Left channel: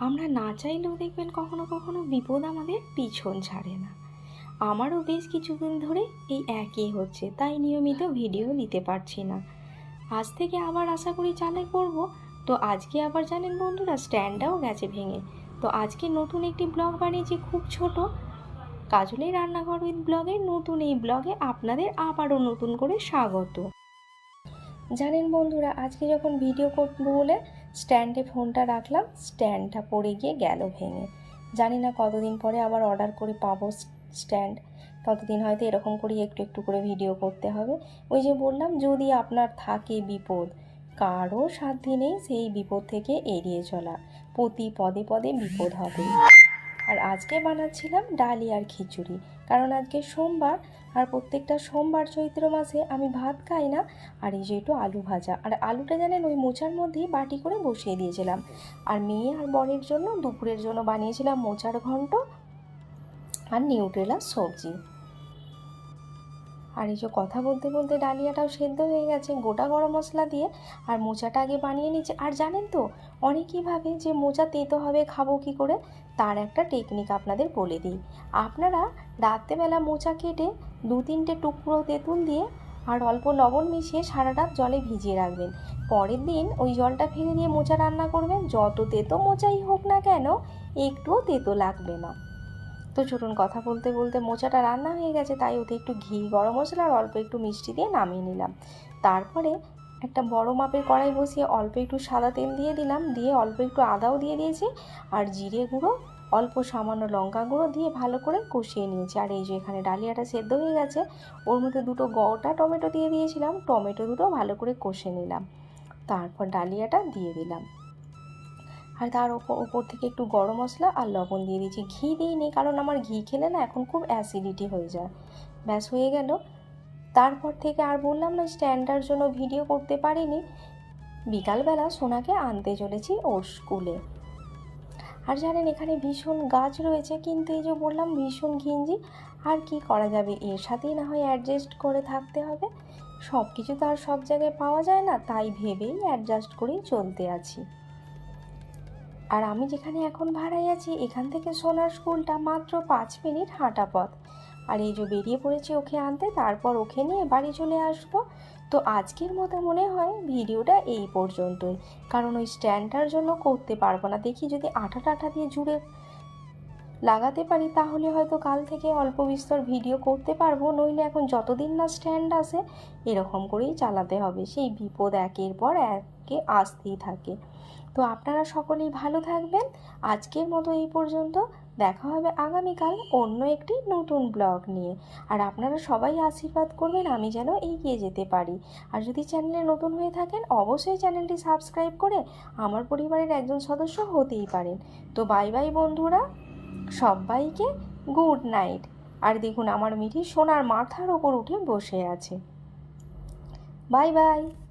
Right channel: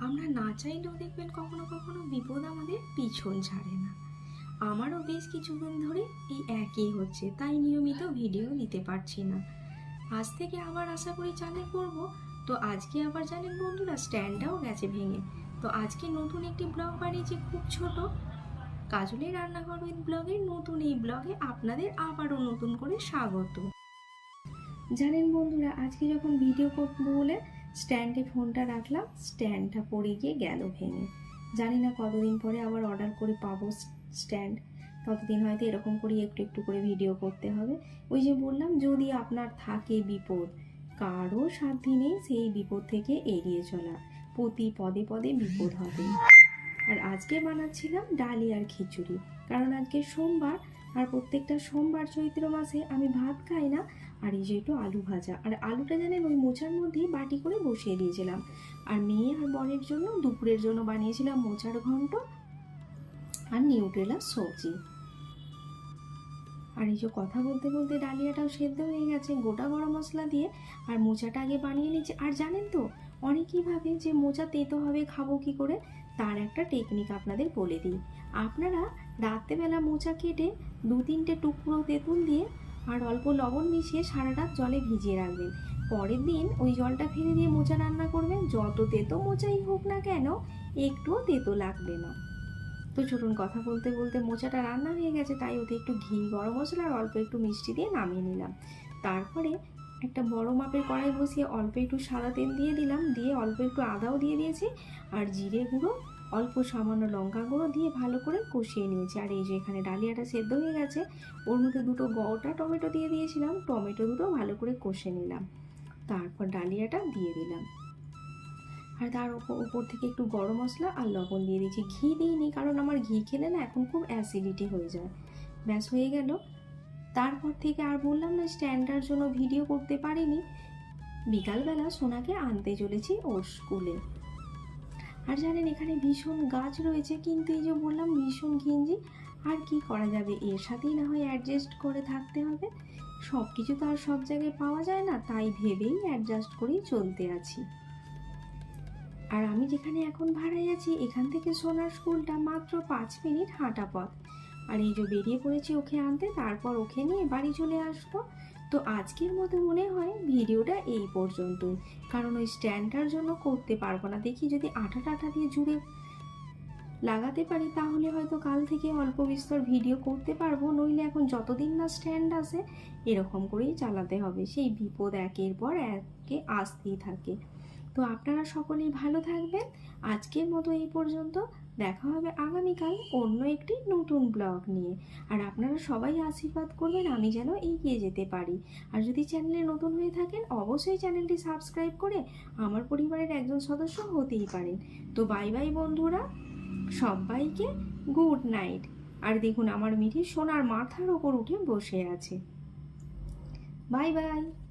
আমরা না চাইলেও দেখবেন কখনো কখনো বিপদ আমাদের পিছন ছাড়ে না। আমারও বেশ কিছুদিন ধরে এই একই হচ্ছে, তাই নিয়মিত ভিডিও দিতে পারছি না। আজ থেকে আবার আশা করি চালে করব, তো আজকে আবার জানেন বন্ধুরা, স্ট্যান্ডটাও গেছে ভেঙে। তো আজকে নতুন একটি ব্লগ বানিয়েছি খুব ছোট। কাজলের রান্নাঘর উইথ ব্লগের নতুন এই ব্লগে আপনাদের আবারও নতুন করে স্বাগত। জানেন বন্ধুরা, আজকে যখন ভিডিও করব বলে স্ট্যান্ডে ফোনটা রাখলাম, স্ট্যান্ডটা পড়ে গিয়ে গেল ভেঙে। জানি না কতদিন পরে আবার অর্ডার করে, পাবো স্ট্যান্ড। ততদিন হয়তো এরকম করেই একটু একটু করে ভিডিও করতে হবে। ওই যে বললাম, যদি আপনার থাকে বিপদ, কারও সাধ্যি নেই সেই বিপদ থেকে এড়িয়ে চলা। প্রতি পদে পদে বিপদ হবে আর আজকে বানাচ্ছিলাম ডালি আর খিচুড়ি, কারণ আজকে সোমবার আর প্রত্যেকটা সোমবার চৈত্র মাসে আমি ভাত খাই না, আর এই যে একটু আলু ভাজা। আর আলুটা জানেন ওই মোচার মধ্যেই বাটি করে বসিয়ে দিয়েছিলাম। আর মেয়ে আর বরের জন্য দুপুরের জন্য বানিয়েছিলাম মোচার ঘন্ট আর নিউট্রেলা সবজি। আর এই যে কথা বলতে বলতে ডালিয়াটাও সেদ্ধ হয়ে গেছে, গোটা গরম মশলা দিয়ে আর মোচাটা আগে বানিয়ে নিচ্ছে আর জানেন তো, অনেকেই ভাবে যে মোচা তেতো হবে, খাব কি করে? তার একটা টেকনিক আপনাদের বলে দিই। আপনারা রাত্রেবেলা মোচা কেটে দু তিনটে টুকরো তেঁতুল দিয়ে আর অল্প লবণ মিশিয়ে সারা রাত জলে ভিজিয়ে রাখবেন। পরের দিন ওই জলটা ফেলে দিয়ে মোচা রান্না করবেন। যত তেতো মোচাই হোক না কেন, একটুও তেতো লাগবে না। তো চলুন কথা বলতে বলতে মোচাটা রান্না হয়ে গেছে, তাই ওতে একটু ঘি, গরম মশলা আর অল্প একটু মিষ্টি দিয়ে নামিয়ে নিলাম। তারপরে একটা বড় মাপের কড়াই বসিয়ে অল্প একটু সাদা তেল দিয়ে দিলাম, দিয়ে অল্প একটু আদাও দিয়ে দিয়েছি আর জিরে গুঁড়ো, অল্প সামান্য লঙ্কা গুঁড়ো দিয়ে ভালো করে কষিয়ে নিয়েছি। আর এই যে এখানে ডালিয়াটা সেদ্ধ হয়ে গেছে, ওর মধ্যে দুটো গোটা টমেটো দিয়ে দিয়েছিলাম, টমেটো দুটো ভালো করে কষে নিলাম। তারপর ডালিয়াটা দিয়ে দিলাম। আর তার ওপর থেকে একটু গরম মশলা আর লবণ দিয়ে দিয়েছি ঘি দিইনি কারণ আমার ঘি খেলে না এখন খুব অ্যাসিডিটি হয়ে যায়। ব্যাস, হয়ে গেল। তারপর থেকে আর বললাম না স্ট্যান্ডার জন্য ভিডিও করতে পারিনি। বিকালবেলা সোনাকে আনতে চলেছি ওর স্কুলে। আর জানেন, এখানে ভীষণ গাছ রয়েছে, কিন্তু এই যে বললাম ভীষণ ঘিঞ্জি, আর কি করা যাবে? এর সাথেই না হয় অ্যাডজাস্ট করে থাকতে হবে। সব কিছু তো আর সব জায়গায় পাওয়া যায় না, তাই ভেবেই অ্যাডজাস্ট করেই চলতে আছি। আর আমি যেখানে এখন ভাড়ায় আছি, এখান থেকে সোনার স্কুলটা মাত্র পাঁচ মিনিট হাঁটা পথ। আর এই যে বেরিয়ে পড়েছি ওকে আনতে, তারপর ওকে নিয়ে বাড়ি চলে আসব। তো আজকের মতো মনে হয় ভিডিওটা এই পর্যন্তই। কারণ ওই স্ট্যান্ডটার জন্য করতে পারব না। দেখি যদি আঠা টাঠা দিয়ে জুড়ে লাগাতে পারি, তাহলে হয়তো কাল থেকে অল্প বিস্তর ভিডিও করতে পারব, নইলে এখন যতদিন না স্ট্যান্ড আসে এরকম করেই চালাতে হবে। সেই বিপদ একের পর একে আসতেই থাকে। তো আপনারা সকলেই ভালো থাকবেন। আজকের মতো এই পর্যন্ত। দেখা হবে আগামীকাল অন্য একটি নতুন ব্লগ নিয়ে। আর আপনারা সবাই আশীর্বাদ করবেন, আমি যেন এগিয়ে যেতে পারি। আর যদি চ্যানেলে নতুন হয়ে থাকেন, অবশ্যই চ্যানেলটি সাবস্ক্রাইব করে আমার পরিবারের একজন সদস্য হতেই পারেন। তো বাই বাই বন্ধুরা। সবাইকে গুড নাইট। আর দেখুন, আমার মিঠি সোনার মাথার ওপর উঠে বসে আছে। Bye bye.